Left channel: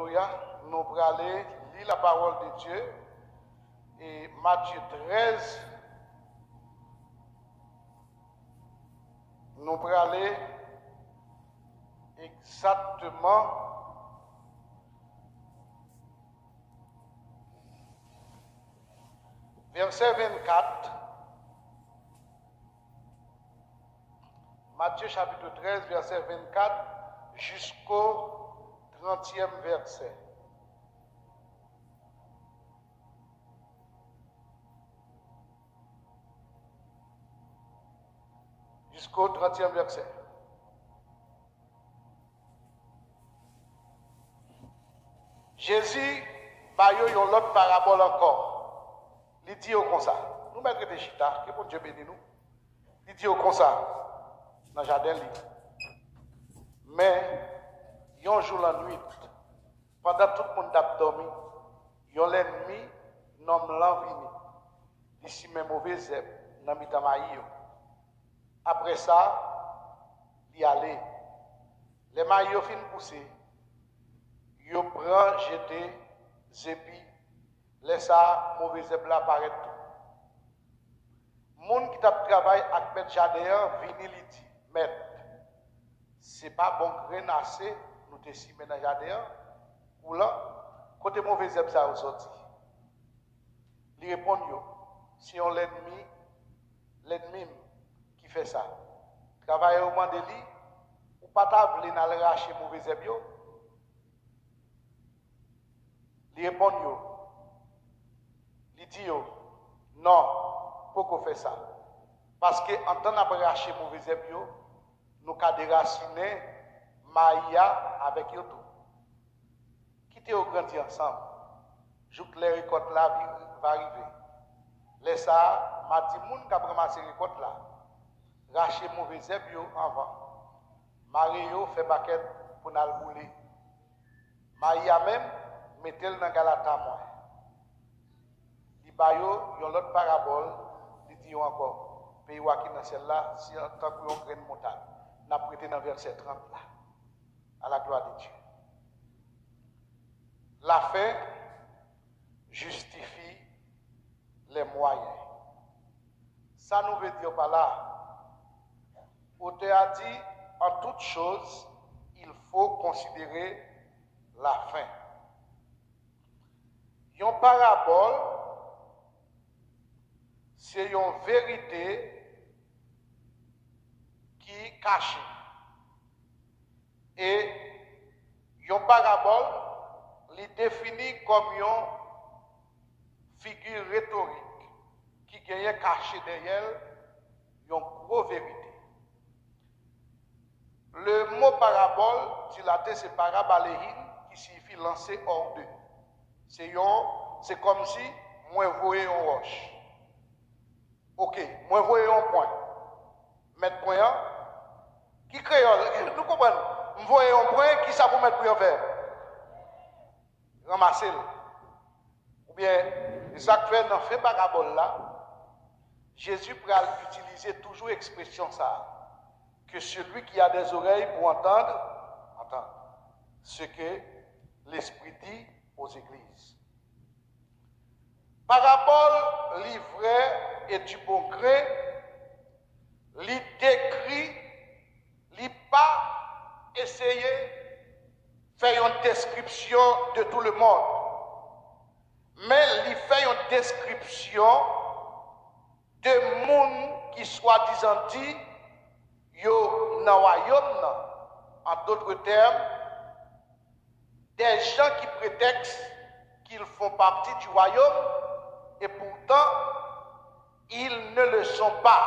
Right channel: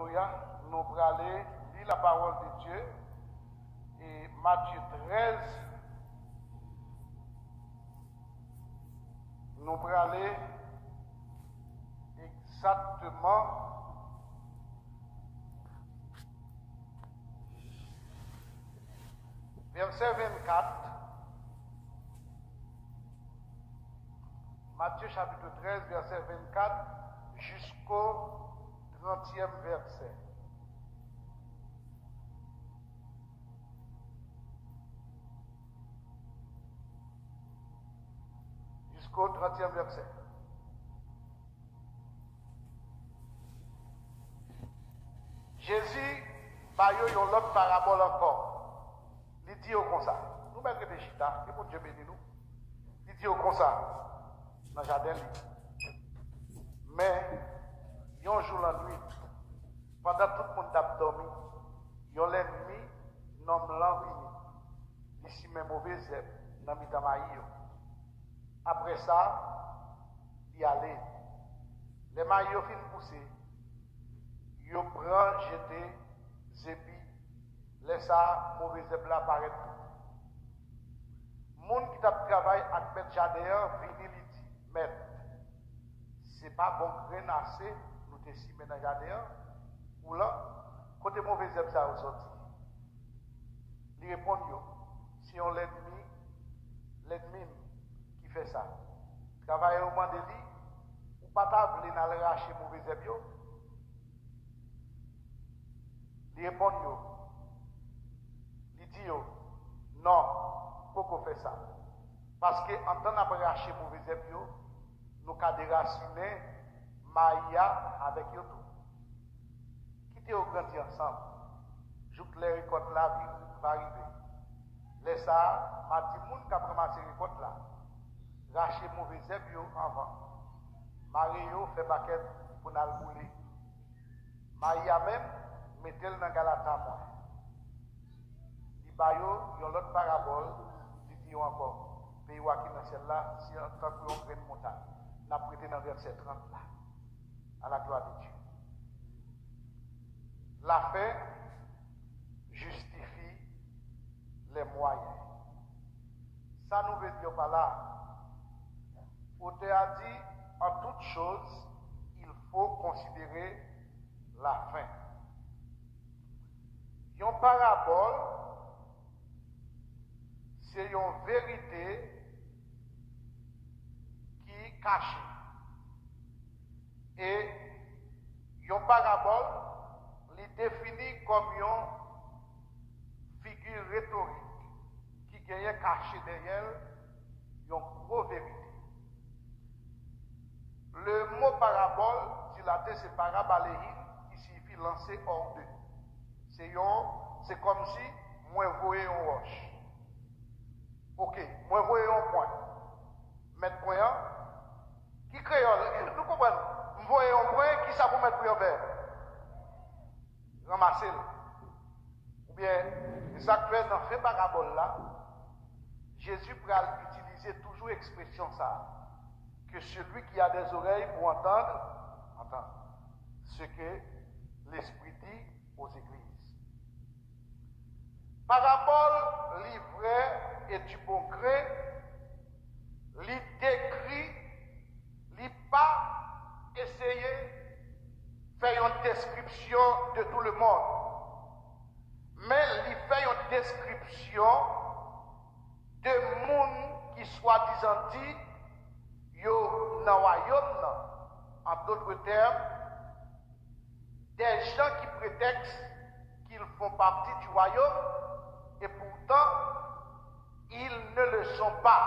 Alléluia. Nous allons aller lire la parole de Dieu. Et Matthieu 13. Nous allons aller exactement verset 24. Matthieu chapitre 13, verset 24 jusqu'au 30e verset. Jusqu'au 30e verset. Jésus, bah, il y a une autre parabole encore. Il dit comme ça. Nous mettons des chita, que bon Dieu bénisse nous. Il dit comme ça, dans le jardin. Mais, il y a un jour la nuit, pendant tout le monde a dormi, il y a l'ennemi, nomme l'envini. Ici, mes mauvais zèbres, dans le maïs. Après ça, il y allait. Les maillots fin pousser. Il prend, jeter, zépi, laisse ça, mauvais zèbre apparaître tout. Moun qui t'a travaillé avec Maître Jardin, vini li dit, Maître, c'est pas bon renasser, nous te si dans le jardin, ou là, côté mauvais zèbre ça sorti. Il répond, si on l'ennemi qui fait ça, travailler au mandeli, ou pas t'avler dans le racher mauvais zèbre, il répond, il dit, non, pourquoi faire ça? Parce que en temps d'après racher mauvais zèbre, nous avons déraciner Maïa avec eux tout. Quittez au grandi ensemble. Joue que les récoltes là va arriver. Laissez ça, Mati moun qui a ramassé les récoltes là. Racher mauvais zèbre avant. Mario fait paquet pour nous bouler. Maïa même, mettez-le dans Galata moi. Li bayo, yon l'autre parabole, li dit encore. Pays qui dans celle-là, si en tant que yon graine montagne. N'a prêté dans verset 30 là, à la gloire de Dieu. La fin justifie les moyens. Ça nous veut dire par là, auteur a dit, en toute chose, il faut considérer la fin. Une parabole, c'est une vérité qui cache. Et une parabole, il définit comme une figure rhétorique qui gagne caché derrière une grosse vérité. Le mot parabole, dilaté, c'est parabaléine, qui signifie lancer hors d'eux. C'est comme si moi voyais une roche. Ok, moi voyais un point. Mettre point, qui crée, nous comprenons. Vous voyez un point, qui ça pour mettre point vert? Ramasser. Ou bien, ça fait dans ce parabole là, Jésus peut utiliser toujours l'expression ça, que celui qui a des oreilles pour entendre, entend ce que l'Esprit dit aux églises. Parabole livrée et du bon gré, li décrit, li pas essayer faire une description de tout le monde, mais li fait une description de monde qui soi-disant dit yo nan royaume nan. En d'autres termes, des gens qui prétextent qu'ils font partie du royaume et pourtant ils ne le sont pas.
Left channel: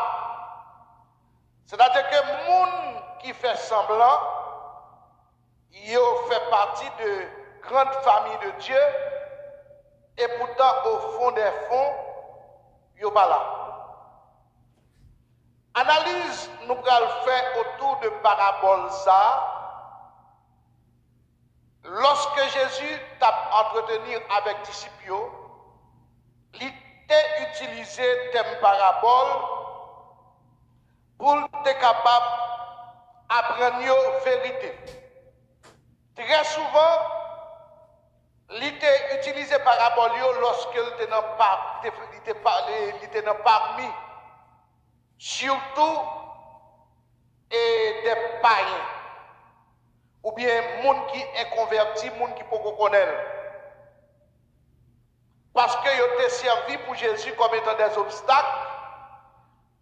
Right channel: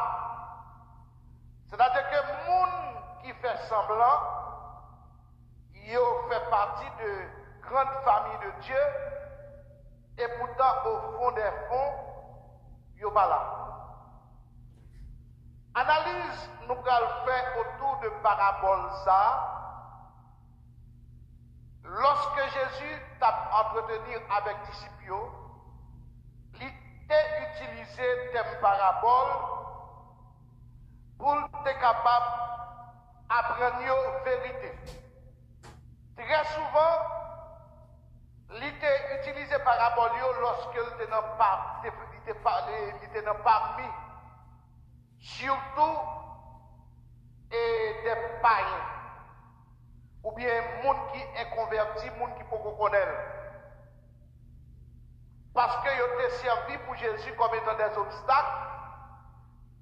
C'est-à-dire que les gens qui fait semblant, ils fait partie de grandes familles de Dieu et pourtant au fond des fonds, ils ne sont pas là. Analyse nous allons faire autour de parabole ça. Lorsque Jésus t'a entretenu avec disciples, il t'a utilisé thème parabole pour être capable d'apprendre la vérité. Très souvent, il était utilisé parabole lorsque il était dans parmi, surtout des païens, ou bien monde qui est converti, monde qui peut connaître. Parce qu'ils étaient servis pour Jésus comme étant des obstacles.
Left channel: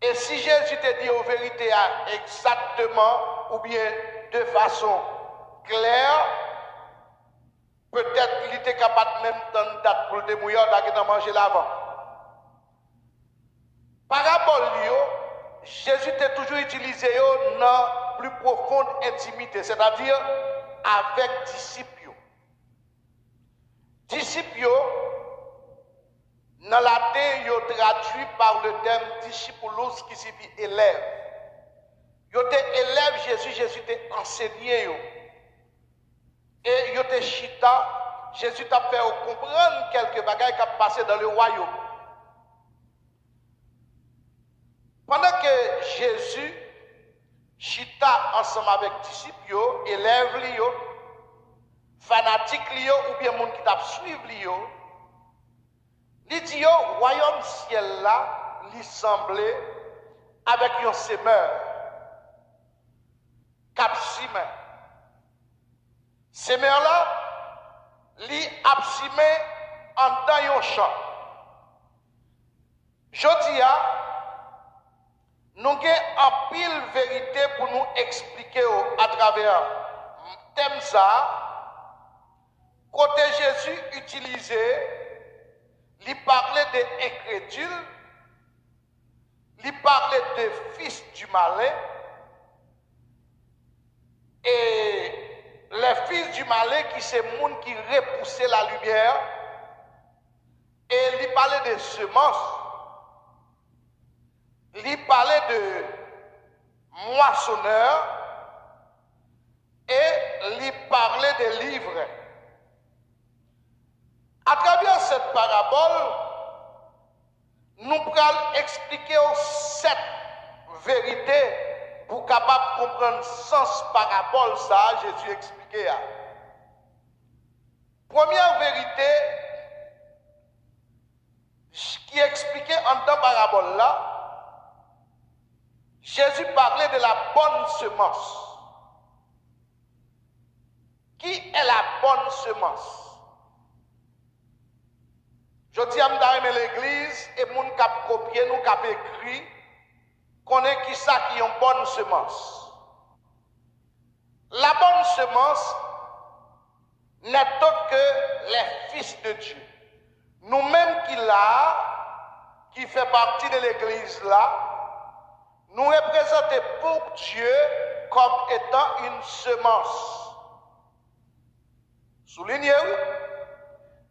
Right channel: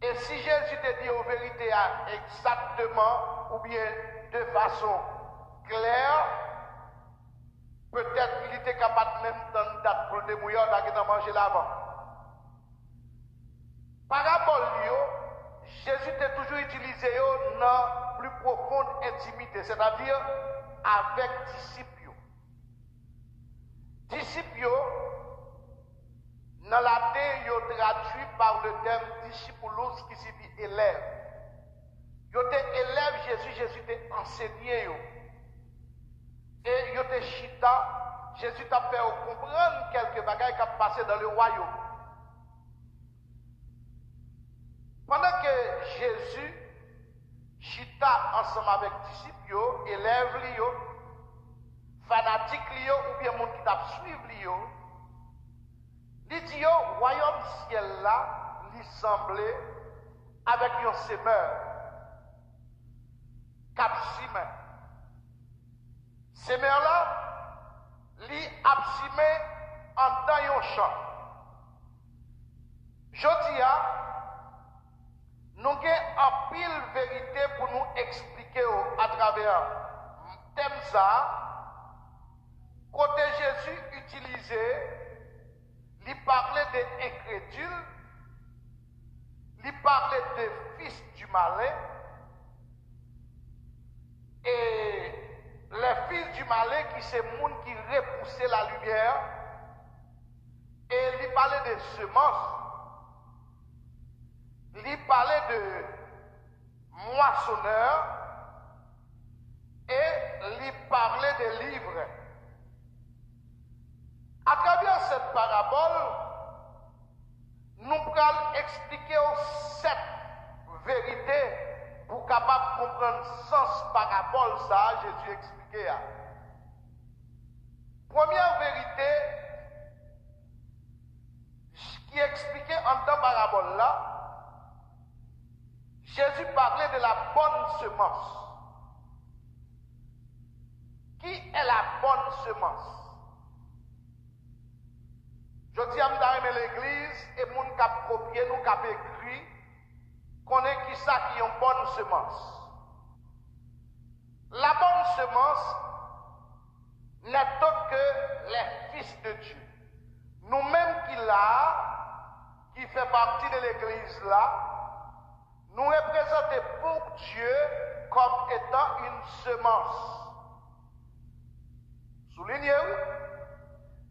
Et si Jésus te dit aux vérités exactement, ou bien de façon claire, peut-être qu'il était capable même de date pour le démouiller, de manger l'avant. Parabole, Jésus t'a toujours utilisé dans plus profonde intimité, c'est-à-dire avec disciples. Disciples, dans la terre, ils traduit par le terme discipulus qui signifie élève. Ils étaient élèves Jésus, Jésus t'a enseigné. Et ils étaient chita, Jésus t'a fait comprendre quelques bagages qui ont passé dans le royaume. Pendant que Jésus chita ensemble avec les disciples, élèves, fanatiques, ou bien les gens qui t'a suivi, il dit, le royaume ciel là, il semblait avec un semeur, cap simé. Semeur là, il a simé en dans un champ. Je dis, nous avons en pile vérité pour nous expliquer à travers le thème ça, côté Jésus utilisé. Il parlait des incrédules, il parlait des fils du malin, et les fils du malin qui c'est le monde qui repoussait la lumière, et il parlait de semences, il parlait de moissonneurs, et il parlait de livres. À travers cette parabole, nous pourrons expliquer cette vérité pour capable comprendre le sens parabole ça Jésus expliqué. Première vérité qui est expliquée en temps parabole là, Jésus parlait de la bonne semence. Qui est la bonne semence? Je dis à l'église, et moun kap copier, nous kap écrit, qu'on est qui ça qui est une bonne semence. La bonne semence n'est autre que les fils de Dieu. Nous-mêmes qui fait partie de l'église là, nous représentons pour Dieu comme étant une semence. Soulignez-vous?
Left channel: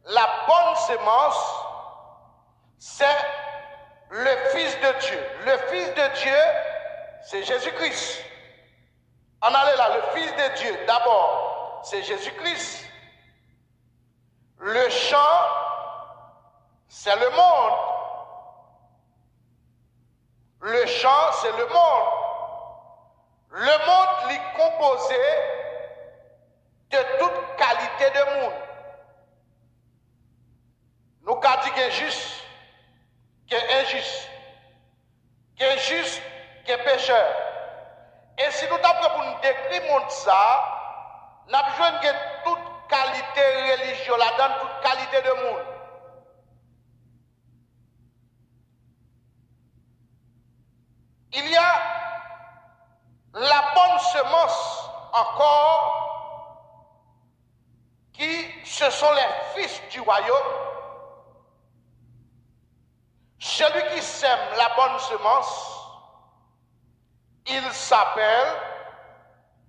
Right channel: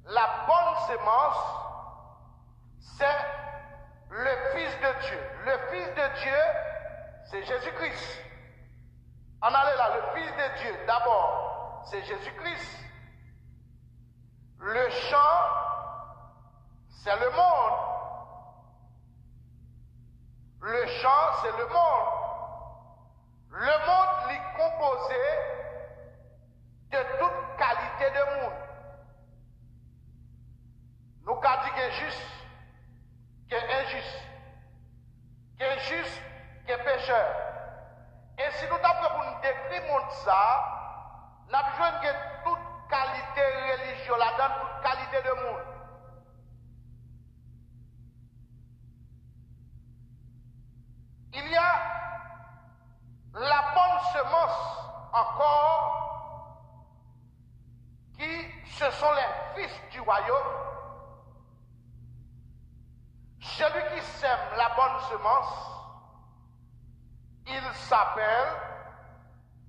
La bonne semence, c'est le Fils de Dieu. Le Fils de Dieu, c'est Jésus-Christ. On allait là, le Fils de Dieu, d'abord, c'est Jésus-Christ. Le champ, c'est le monde. Le champ, c'est le monde. Le monde est composé de toute qualité de monde. Nous avons dit qu'il est juste, qu'il est injuste, qu'il est juste, qu'il est pécheur. Et si nous avons pour nous décrire le monde ça, nous avons besoin de toute qualité religieuse là-dedans, toute qualité de monde. Il y a la bonne semence encore qui, ce sont les fils du royaume. Celui qui sème la bonne semence, il s'appelle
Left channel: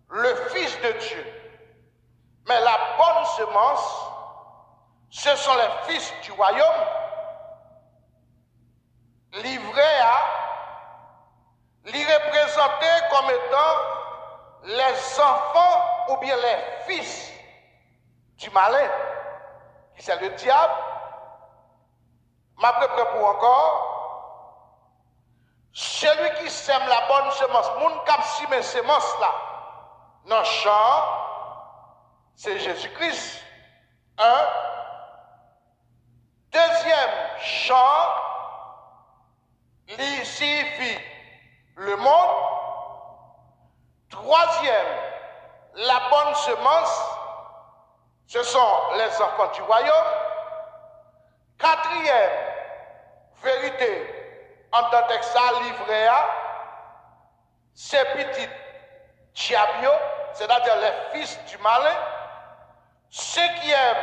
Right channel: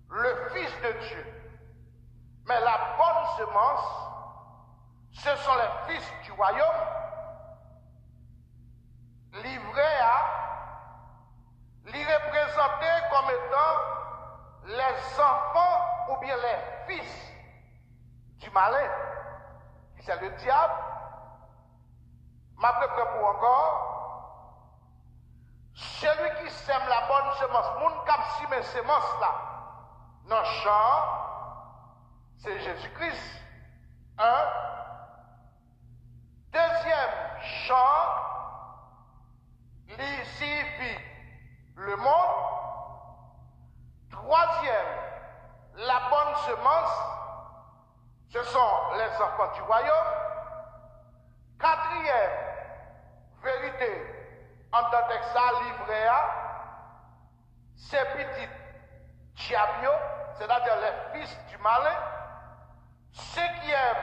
le Fils de Dieu. Mais la bonne semence, ce sont les fils du royaume, livrés les représenter comme étant les enfants ou bien les fils du malin, qui c'est le diable. Ma prêt pour encore. Celui qui sème la bonne semence, moun kap sime semence là, dans le champ, c'est Jésus-Christ. Deuxième chant, il signifie le monde. Troisième, la bonne semence, ce sont les enfants du royaume. Quatrième, vérité, en tant que ça, livré à, ces petits diables, c'est-à-dire les fils du malin. Cinquième,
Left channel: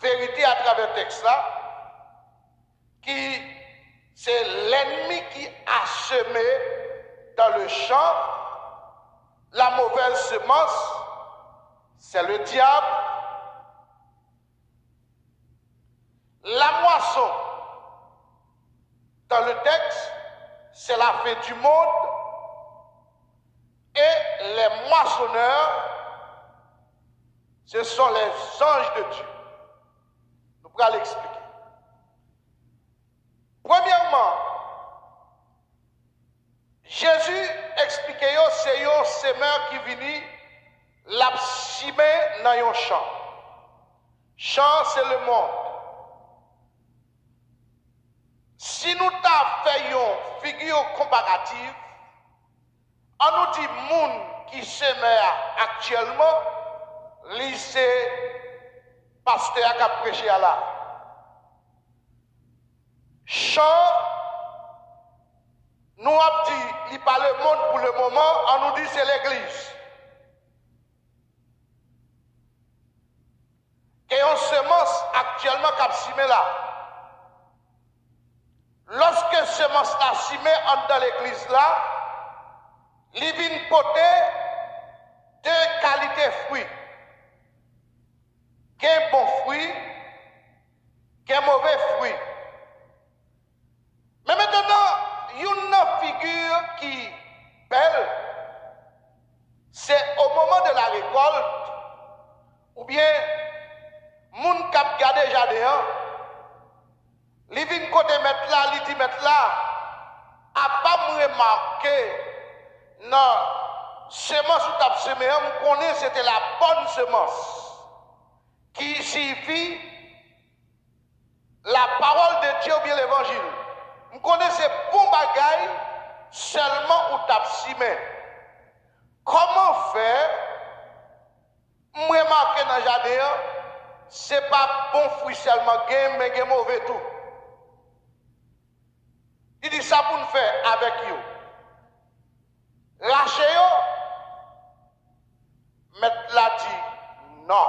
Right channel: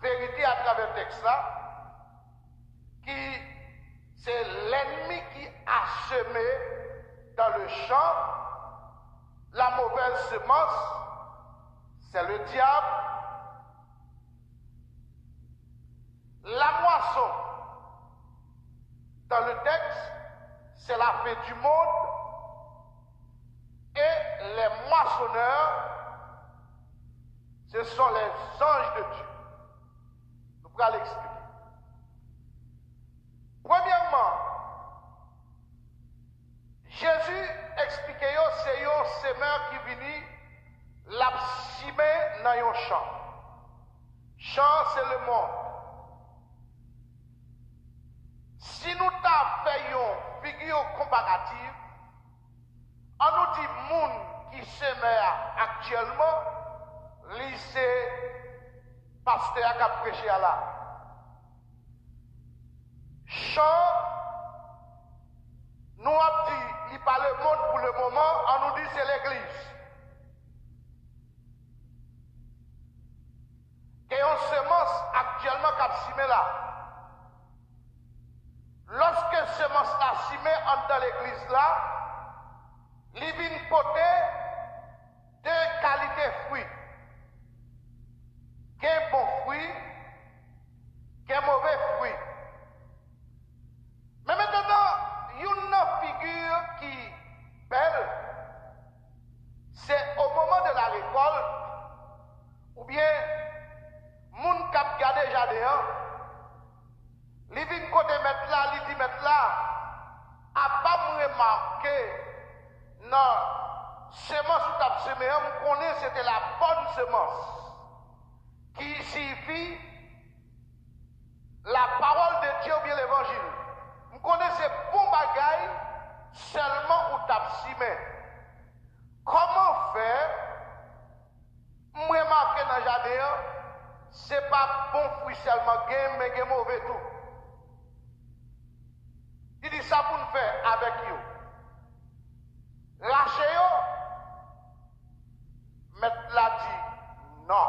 vérité à travers le texte là, qui c'est l'ennemi qui a semé dans le champ la mauvaise semence, c'est le diable. La moisson, dans le texte, c'est la fin du monde. Et les moissonneurs, ce sont les anges de Dieu. Nous pourrons l'expliquer. Premièrement, Jésus expliquait que c'est un semeur qui vient la simer dans un champ. Champ, c'est le monde. Si nous avons fait une figure comparative, on nous dit monde qui sème actuellement, lycée, pasteur qui a prêché à là. Champ, nous avons dit, il parle le monde pour le moment, on nous dit c'est l'église. Et on semence actuellement qui a simé là. Lorsque semence a simé dans l'église là, il vient porter deux qualités fruits. Qu'un bon fruit, qu'un mauvais fruit. Mais maintenant, une figure qui belle, c'est au moment de la récolte, ou bien, moun kap gade jardin, li vin côté mettre là, li dit mettre là, a pas remarqué, non, semence ou tap semé, on connaît c'était la bonne semence, qui signifie la parole de Dieu ou bien l'évangile. On connaît ces bons bagailles seulement ou tap semé. Comment faire, remarquer dans le jardin, c'est pas bon fruit seulement, mais il mauvais tout. Il dit ça pour nous faire avec vous. Lâchez-vous. Mais là dit non.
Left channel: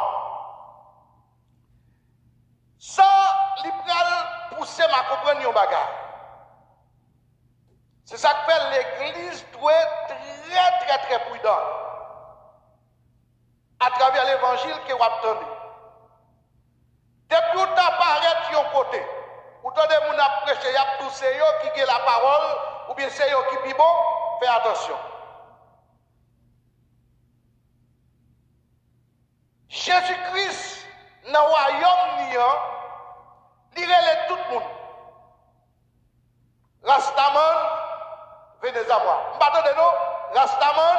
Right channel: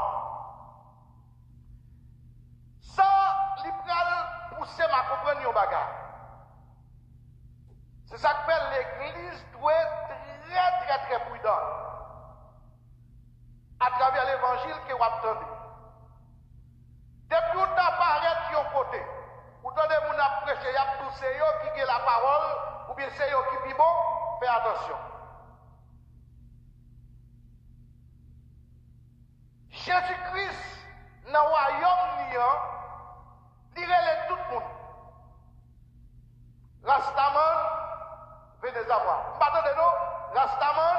Ça, il peut pousser ma comprendre un bagage. C'est ça que fait l'église doit être très prudent à travers l'évangile que vous attendez. Depuis que vous apparaissez de côté, vous entendez mon prêcher, il y a tous ceux qui ont la parole, ou bien ceux qui vivent bon, faites attention. Jésus-Christ, dans le royaume, il relève tout le monde. Rastaman, venez à moi. M'attendez nous, Rastaman,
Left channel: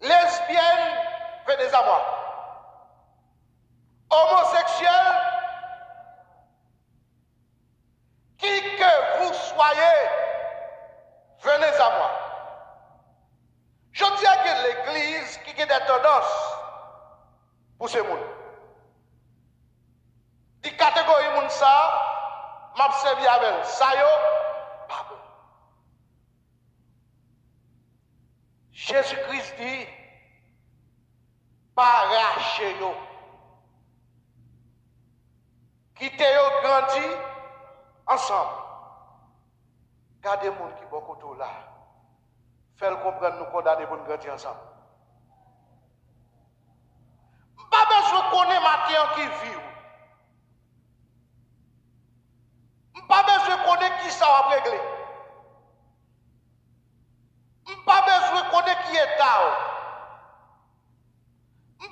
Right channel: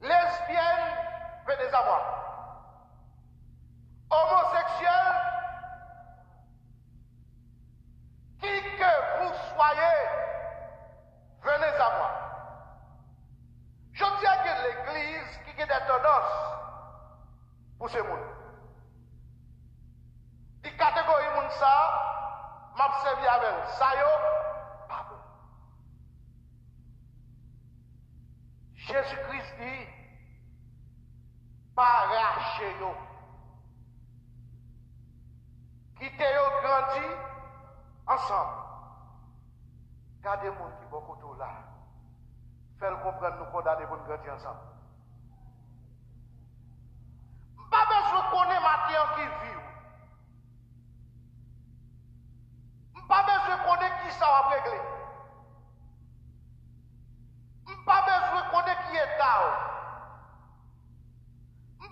lesbienne, venez à moi. Homosexuel, qui que vous soyez, venez à moi. Je dis que l'église qui a des tendances pour ce monde. Die catégorie moun ça, m'a servi avec ça yo, pas bon. Jésus-Christ dit, pas arracher yo. Quittez yo grandi ensemble. Gardez les gens qui sont beaucoup là. Faites comprendre nous condamner pour nous grandir ensemble. Pas besoin de connaître matin qui vit. Pas besoin de connaître qui ça va régler. Pas besoin de connaître qui est tard.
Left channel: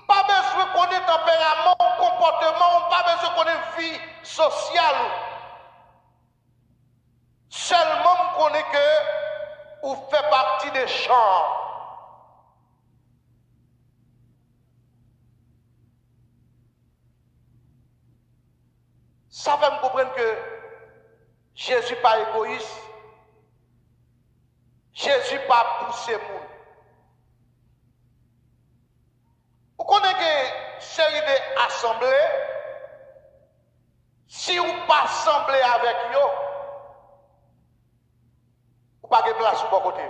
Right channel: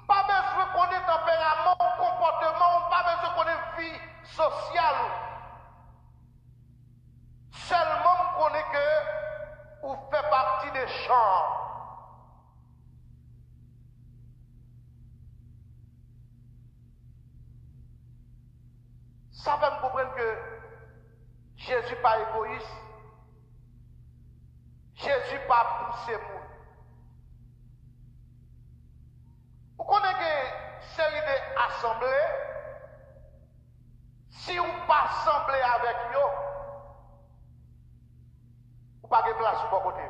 Pas besoin de connaître tempérament, comportement, pas besoin de connaître vie sociale. Seulement on connaît que vous faites partie des champs. Ça fait me comprendre que Jésus pas égoïste. Jésus pas poussé moun. Vous connaissez que série d'assemblées, si vous pas assemblé avec eux, vous pas de place sur bon côté.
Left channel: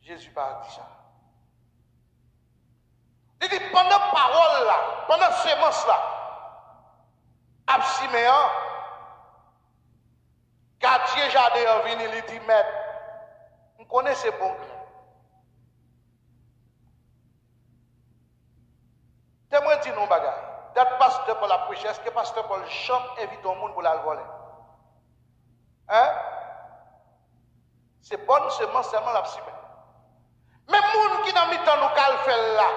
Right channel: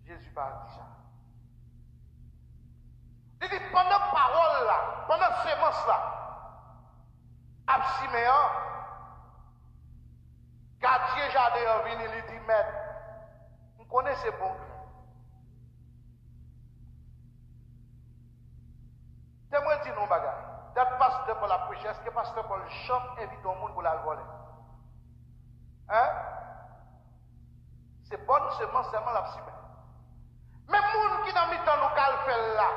Jésus pas dit ça. Il dit pendant parole là, pendant sémence là, à Siméon, gardien jardin venu, il dit maître, vous connaissez bon grain. Témoin dit non bagaille. D'être pasteur pour la prêcher, est-ce que pasteur Paul chante invite au monde pour la voler? Hein? C'est bonne semence seulement la Siméon. Mais les gens qui dans le temps nous fait là,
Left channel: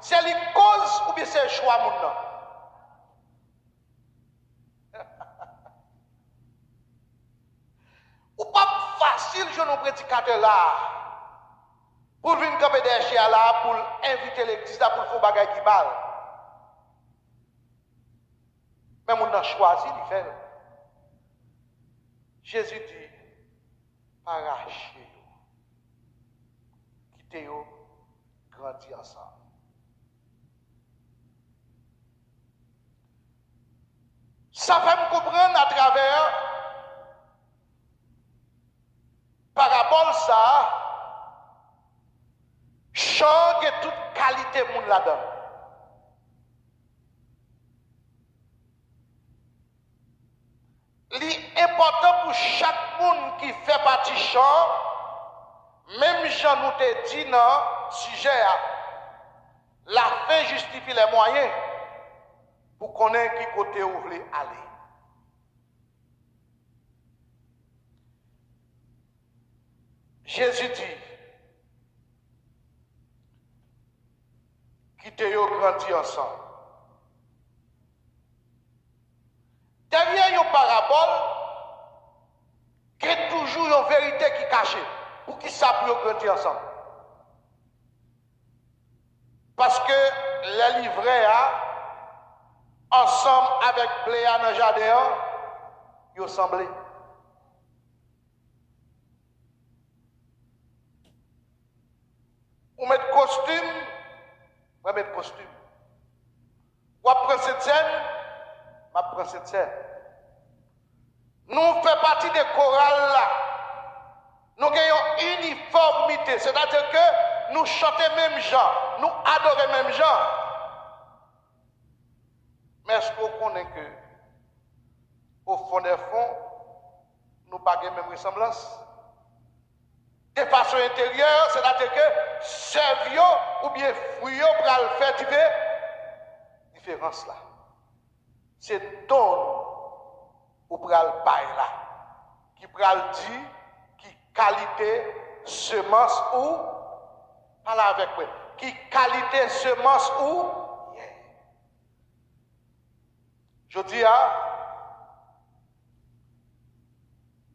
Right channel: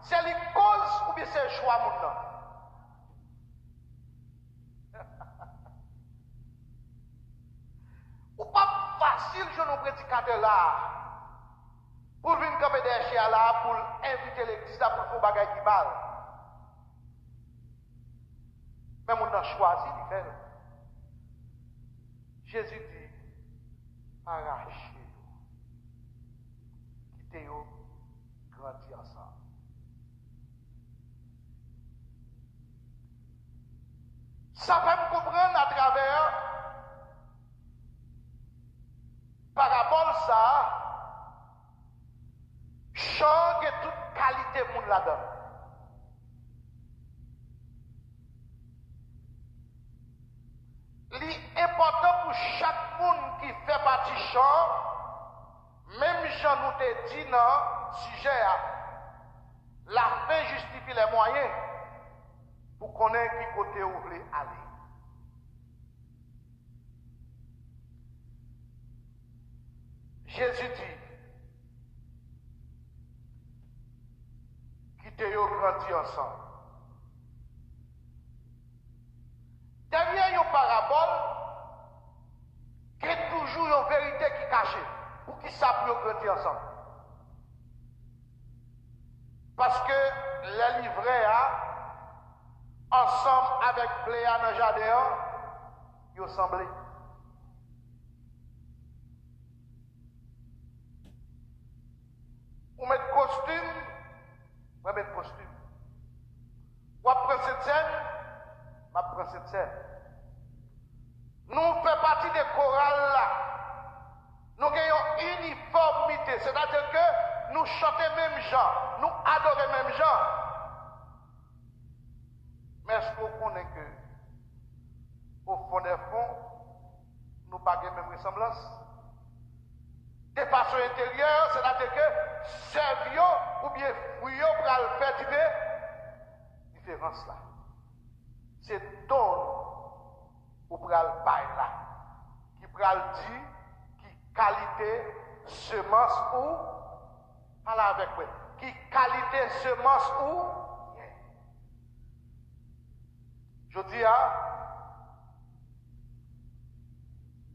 c'est les causes ou bien c'est le choix moun nan? Ou pas facile je nous prédicateur là pour venir camper des chiens là pour inviter l'église là pour faire bagay qui balle. Mais moun nan choisi de faire. Jésus dit arrachez, quittez-vous, grandis ensemble. Ça fait me comprendre à travers parabole ça, change toute qualité moun là-dedans. L'important pour chaque monde qui fait partie champ, même Jean nous te dit dans sujet, la fin justifie les moyens pour connaître qui côté vous voulez aller. Jésus dit, quittez-vous grandir ensemble. Derrière une parabole, il y a toujours une vérité qui est cachée. Pour qui ça peut grandir ensemble? Parce que les livrets, ensemble avec Pléa dans le jardin, ils ont semblé. Ou mettre costume, ou mettre costume. Ou après cette scène, ma prendre cette scène. Nous faisons partie des chorales là. Nous avons une uniformité, c'est-à-dire que nous chantons même gens, nous adorons même gens. Mais est-ce qu'on connaît que, au fond des fonds, nous n'avons pas la même ressemblance? De façon intérieure, c'est-à-dire que servio ou bien fouillot pour le faire différence là. C'est don ou pral bail là qui pral dit qui qualité semence ou parle avec moi qui qualité semence ou je dis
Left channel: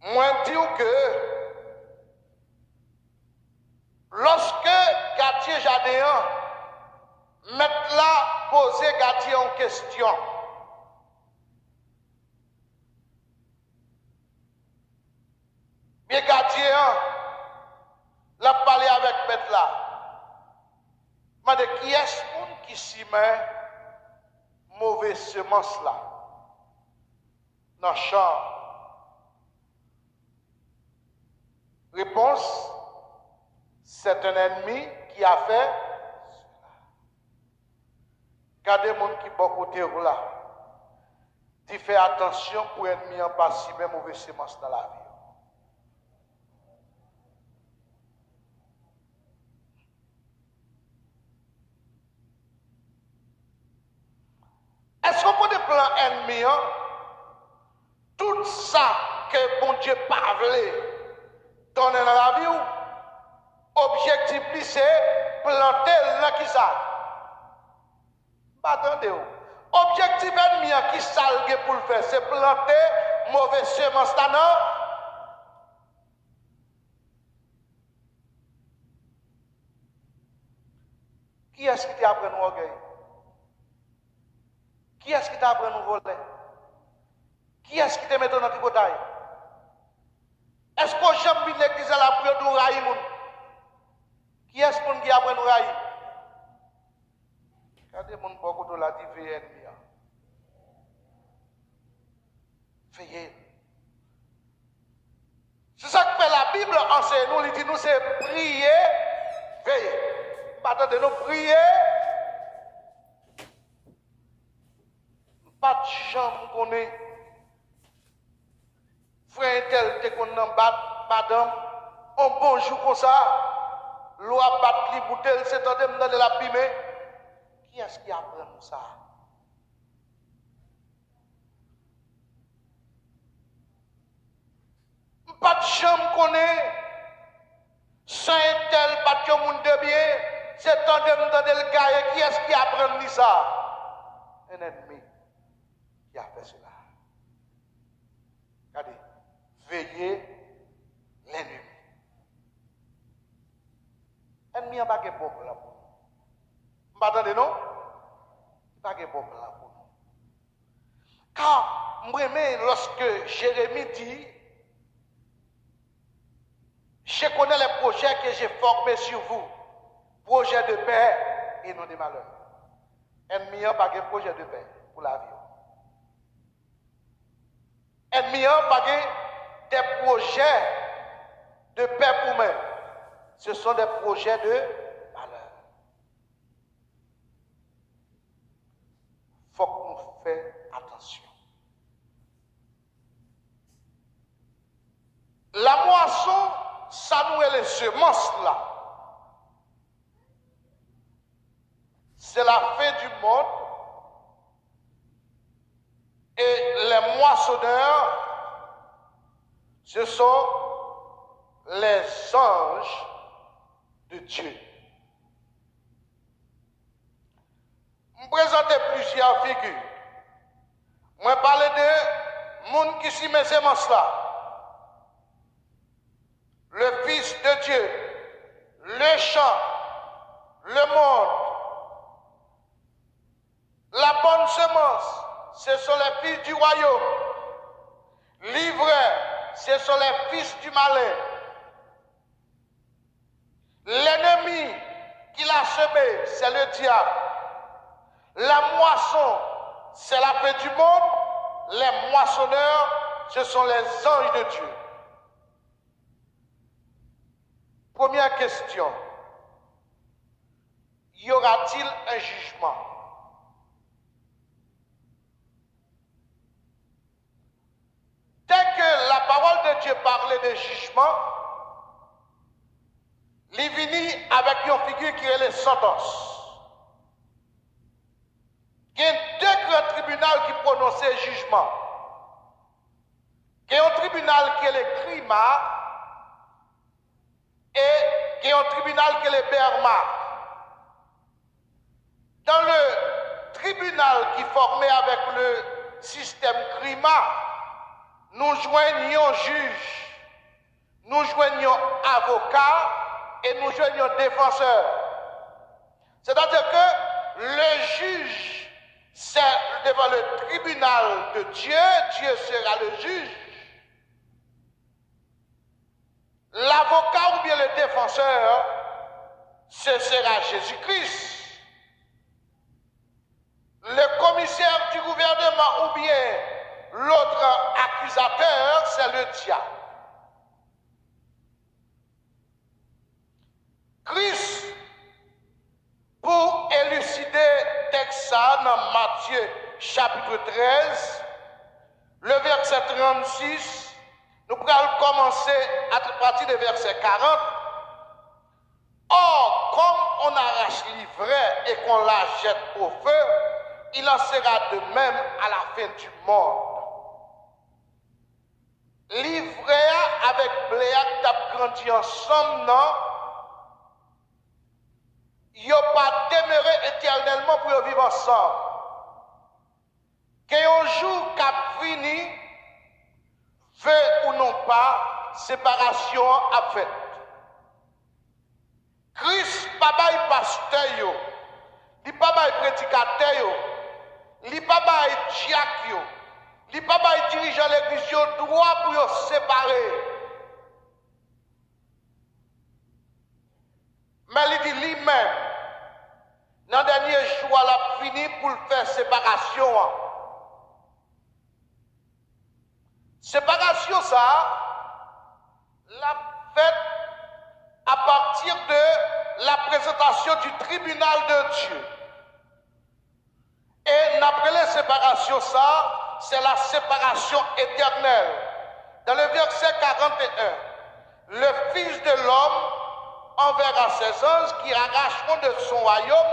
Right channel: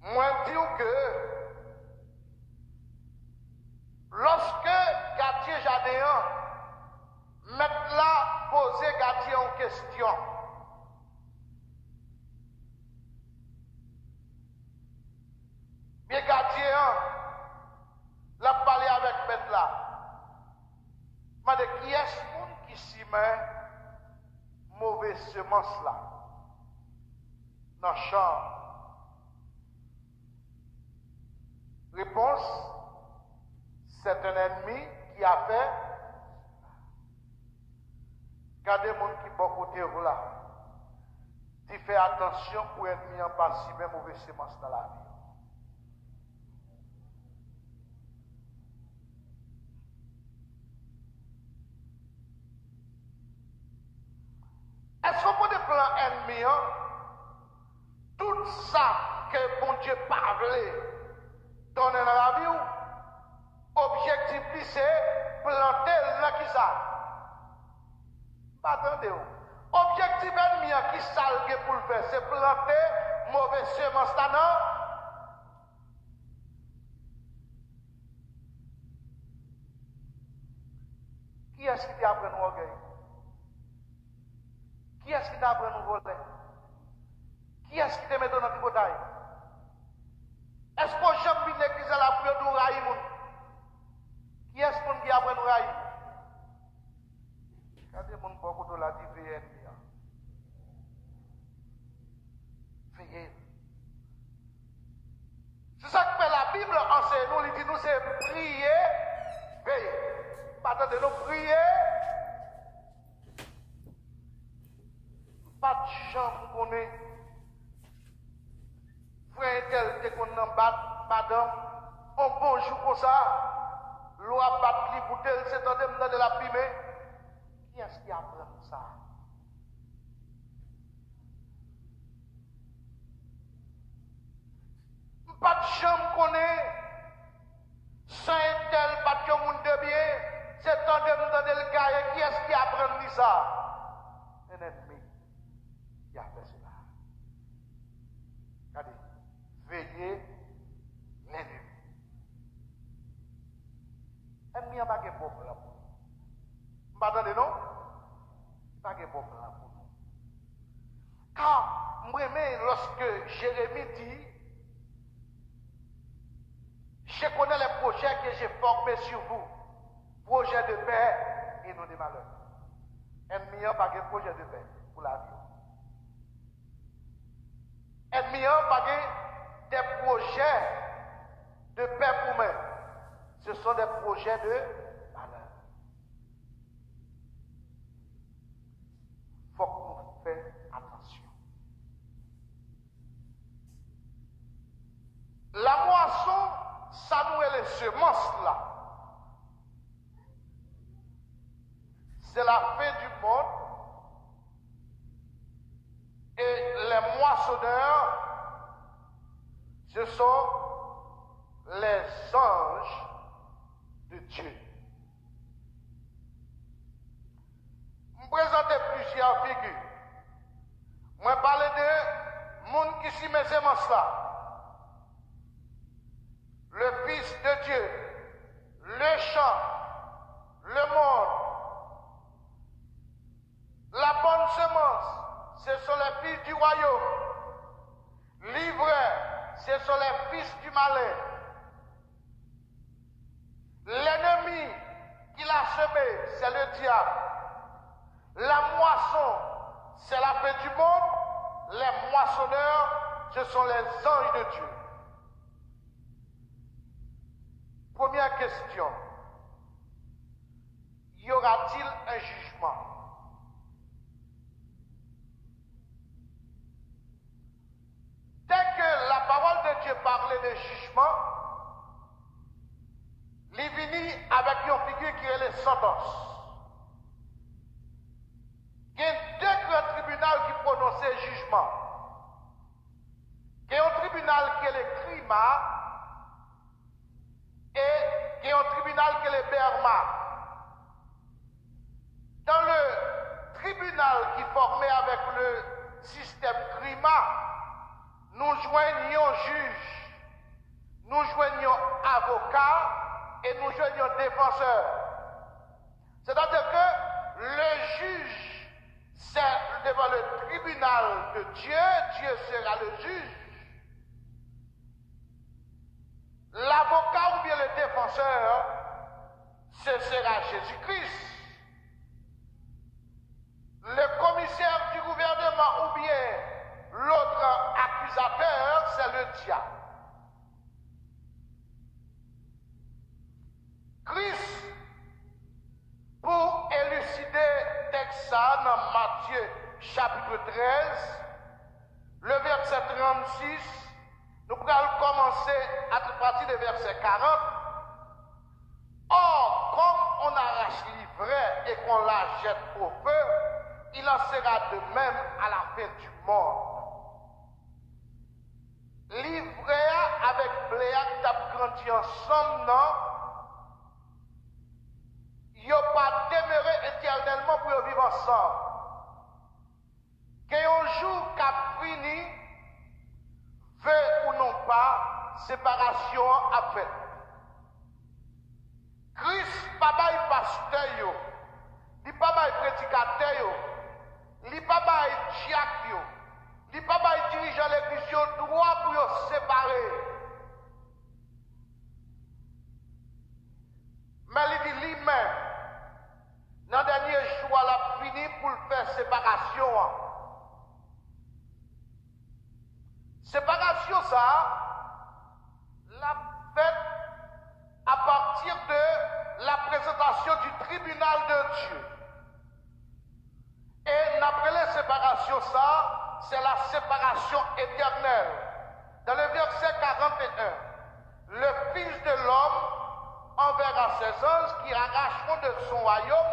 moi dire que lorsque Gatier Jadéan met là poser Gatier en question. Bien gardien, l'a parlé avec maître là. Mais de qui est-ce qui s'y met mauvaise semence là dans le champ? Réponse, c'est un ennemi qui a fait cela. Gardez les gens qui sont côté là. Tu fais attention pour l'ennemi en pas si même mauvaise semence dans la vie. Est-ce qu'on peut plan ennemi, tout ça que bon Dieu parle donner dans la vie, objectif c'est planter là qui ça. Attendez, objectif ennemi qui salgue pour le faire, c'est planter mauvaise semence là non. Qui est-ce qui t'a appris nous orgueil? Qui est-ce qui t'a appris nous voler? Qui est-ce qui te met dans la tripotaille? Est-ce qu'on j'aime bien l'église à la prière de raï? Qui est-ce qu'on qui apprend raï? Regardez mon beaucoup de la divine. Veillez. C'est ça que fait la Bible enseigne nous, il dit nous c'est prier, veiller. Pas de nous prier. Pas de chambre qu'on est. Frère tel te qu'on en bat, madame, on bonjour comme ça. L'eau a battu les bouteilles, c'est en train de la pimer. Qui est-ce qui apprend ça? Pas de chambre qu'on est. Sans un tel, pas de monde de bien. C'est en train de le gars. Qui est-ce qui apprend ça? Un ennemi qui a fait cela. Regardez. Veillez l'ennemi. L'ennemi n'a pas de bombe là pour nous. Vous m'entendez, non? Il n'a pas de bombe là pour nous. Car, moi, lorsque Jérémie dit, je connais les projets que j'ai formés sur vous, projets de paix et non de malheur. L'ennemi n'a pas de projet de paix pour la vie. L'ennemi n'a pas des projets de paix pour moi. Ce sont des projets de malheur. Il faut qu'on fasse attention. La moisson, ça nous est les semences là. C'est la fin du monde. Et les moissonneurs, ce sont les anges de Dieu. Je vais présenter plusieurs figures. Je vais parler de monde qui s'y met ces semences-là. Le Fils de Dieu, le champ, le monde. La bonne semence, ce sont les fils du royaume. L'ivraie, ce sont les fils du malin. L'ennemi qui l'a semé, c'est le diable. La moisson, c'est la fin du monde. Les moissonneurs, ce sont les anges de Dieu. Première question. Y aura-t-il un jugement? Dès que la parole de Dieu parlait de jugement, il vient avec une figure qui est les sentences. Il y a deux grands tribunaux qui prononcent jugement. Il y a un tribunal qui est le Crima et il y a un tribunal qui est le Berma. Dans le tribunal qui est formé avec le système Crima, nous joignons juge, nous joignons avocat et nous joignons défenseur. C'est-à-dire que le juge, c'est devant le tribunal de Dieu, Dieu sera le juge. L'avocat ou bien le défenseur, ce sera Jésus-Christ. Le commissaire du gouvernement ou bien l'autre accusateur, c'est le diable. Christ, pour élucider texte ça dans Matthieu chapitre 13, le verset 36, nous allons commencer à partir du verset 40. Or, comme on arrache l'ivraie et qu'on la jette au feu, il en sera de même à la fin du monde. L'ivraie avec bléac t'a grandi ensemble, non? Ils n'ont pas demeuré éternellement pour vivre ensemble. Qu'un jour qu'a fini, veut ou non pas, séparation a fait. Christ, papa est pasteur, il papa est prédicateur, il papa est diacre, il papa est dirigeant yo séparés. Mais il dit lui-même, dans le dernier jour, il a fini pour faire séparation. Séparation, ça, l'a fait à partir de la présentation du tribunal de Dieu. Et d'après les séparations, ça, c'est la séparation éternelle. Dans le verset 41, le Fils de l'homme enverra ses anges qui arracheront de son royaume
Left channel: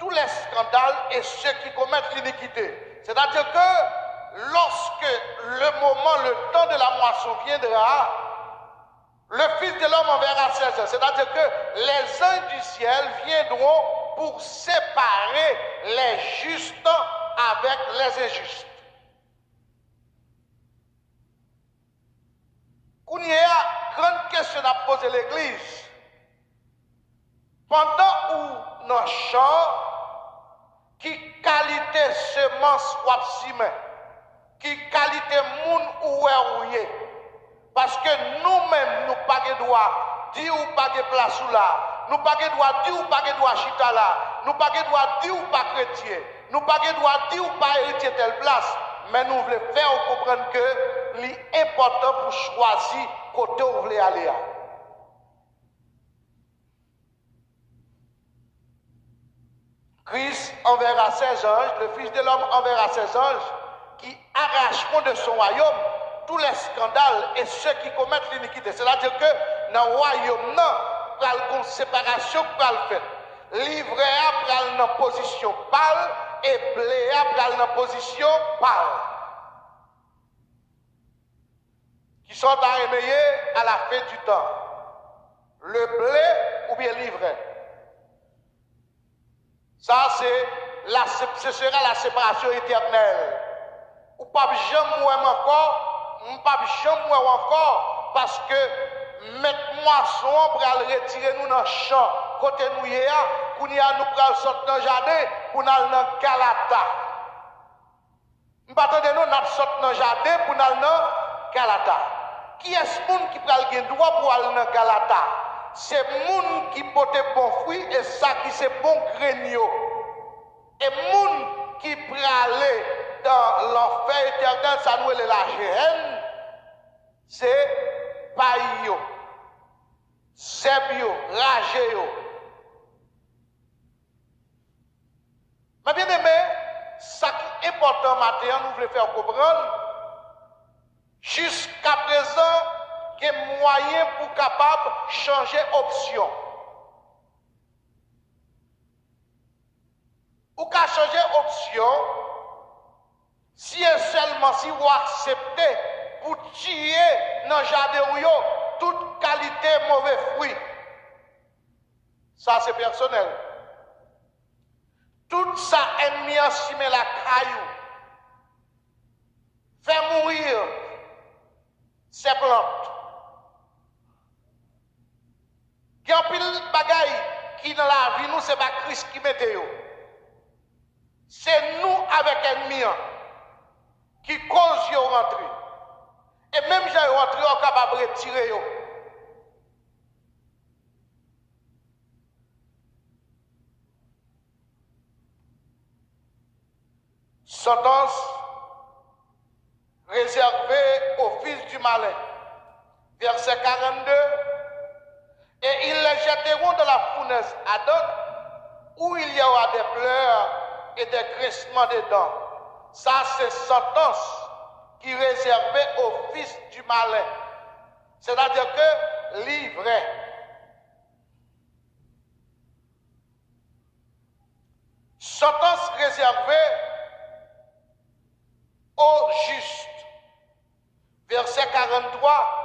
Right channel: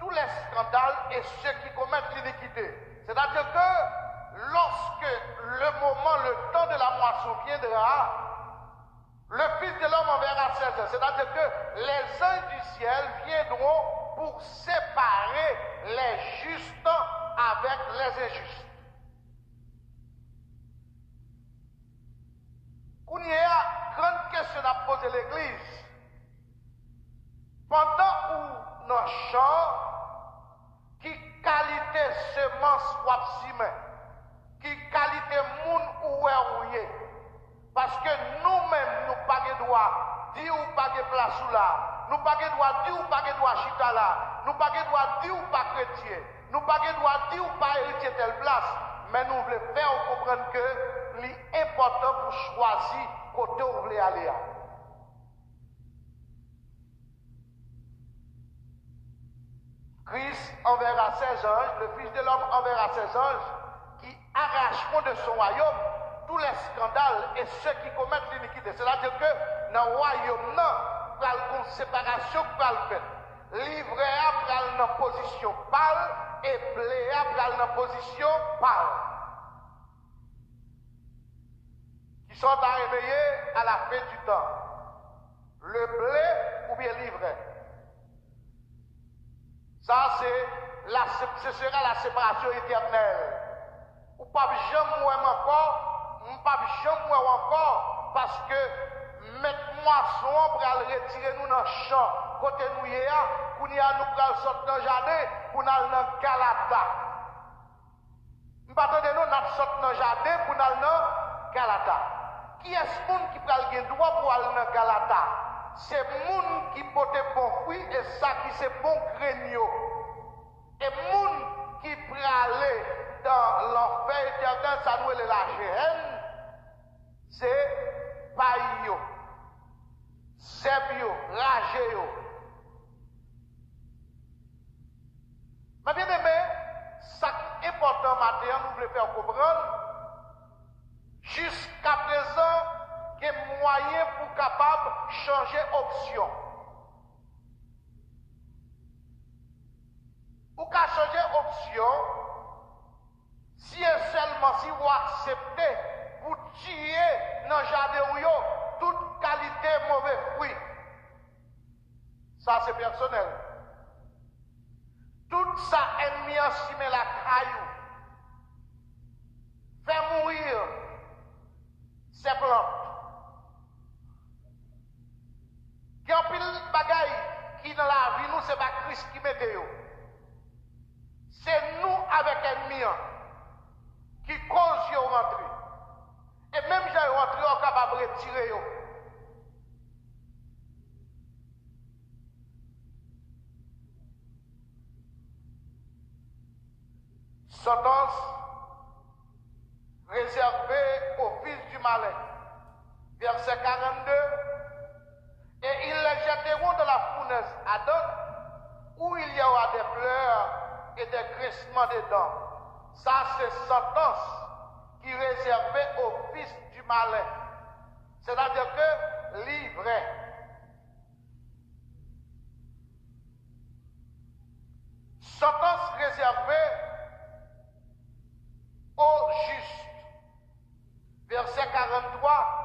tous les scandales et ceux qui commettent l'iniquité. C'est-à-dire que lorsque le moment, le temps de la moisson viendra, le Fils de l'homme enverra ses anges. C'est-à-dire que les anges du ciel viendront pour séparer les justes avec les injustes. Qu'on y a grande question à poser l'Église. Pendant où nos champs, qui qualité semence ou absime, qui qualité moun ou est. Parce que nous-mêmes, nous pas de droit, dire ou pas de place ou là, nous pas de droit, dire ou pas de droit chita là, nous pas de droit, dire ou pas chrétien, nous pas de droit, dire ou pas héritier telle place, mais nous voulons faire comprendre que l'important pour choisir côté où vous voulez aller. Christ enverra ses anges, le Fils de l'homme enverra ses anges qui arracheront de son royaume tous les scandales et ceux qui commettent l'iniquité. C'est-à-dire que dans le royaume, il y a une séparation qui va le faire. Livret a dans position pâle et blé a dans position pâle. Qui sont à éveiller à la fin du temps. Le blé ou bien livret. Ça, ce sera la séparation éternelle. Ou pas jamais moi encore, ou pas jamais moi encore, parce que mettre moisson pour aller retirer nous dans le champ, côté nous y a, pour nous sortir dans le jardin, pour nous aller dans Galata. Nous attendons nous sortir dans le jardin pour nous aller dans Galata. Qui est ce monde qui prend le droit pour aller dans Galata? C'est le monde qui porte bon fruit et ça qui c'est bon grenier. Et le monde qui prend aller dans l'enfer éternel, ça nous est la géhenne, c'est païo, sebio, ragéo. Mais bien aimé, ça qui est important maintenant, nous voulons faire comprendre, jusqu'à présent, il y a moyen pour capable changer option. Ou qu'à changer option, si et seulement si vous acceptez pour tuer dans le jardin toute qualité mauvais fruits. Ça c'est personnel. Tout ça ennemi en cime la caillou. Fait mourir ces plantes. Il y a un pile de bagaille qui dans la vie, nous, c'est pas Christ qui mette. C'est nous avec ennemi qui cause de rentrer. Et même si vous rentrez, on est capable de retirer. Sentence réservée au fils du malin. Verset 42. Et ils les jetteront dans la fournaise Adam, où il y aura des pleurs et des grincements de dents. Ça, c'est sentence qui est réservée au fils du malin. C'est-à-dire que livré. Sentence réservée aux justes. Verset 43.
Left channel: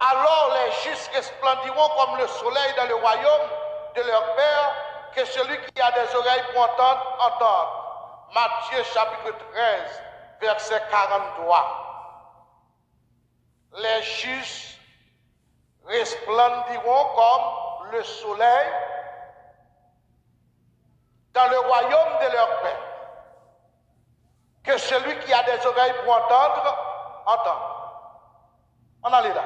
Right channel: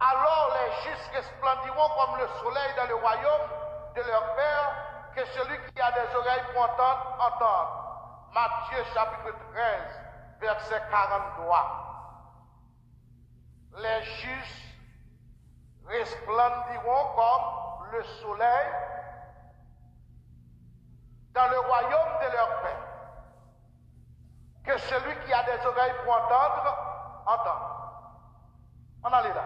Alors les justes resplendiront comme le soleil dans le royaume de leur Père, que celui qui a des oreilles pour entendre, entende. Matthieu chapitre 13, verset 43. Les justes resplendiront comme le soleil dans le royaume de leur Père, que celui qui a des oreilles pour entendre, entende. On allait là.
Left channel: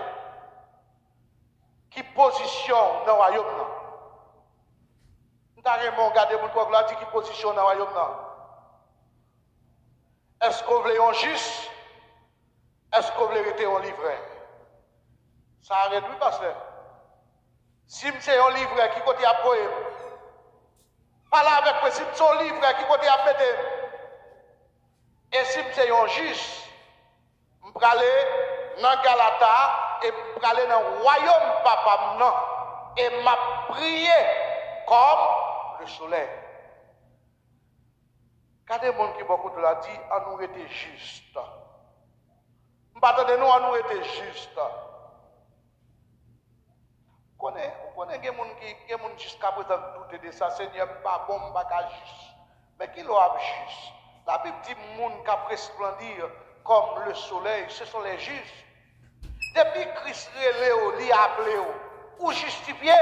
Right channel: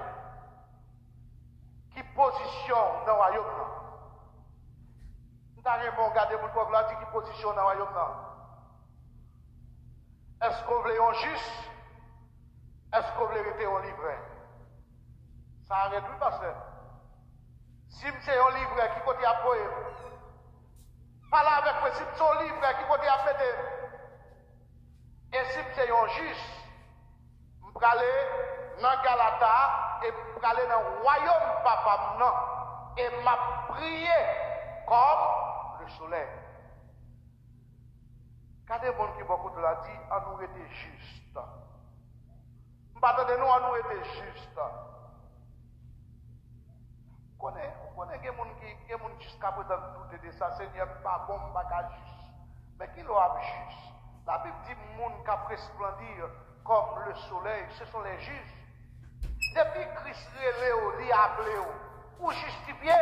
Qui position dans le royaume? Nous avons regardé pour le dit qui position dans le royaume? Est-ce qu'on veut un juste? Est-ce qu'on veut être un livret? Ça arrête oui, pasteur. Si c'est un livret qui côté à poème, pas là avec moi, si c'est un livret qui côté à mettre, et si c'est un juste, je vais aller dans Galata et je vais aller dans le royaume papa non, et m'a prié comme le soleil. Quand des gens qui beaucoup de la dit, à nous était juste. Nous, à nous était juste. Vous connaissez des gens qui jusqu'à présent doutent de ça, Seigneur, pas bon, pas juste. Mais qui l'a juste? La Bible dit que les gens qui resplendir comme le soleil, ce sont les justes. Depuis Christ relève, il a appelé, ou justifié,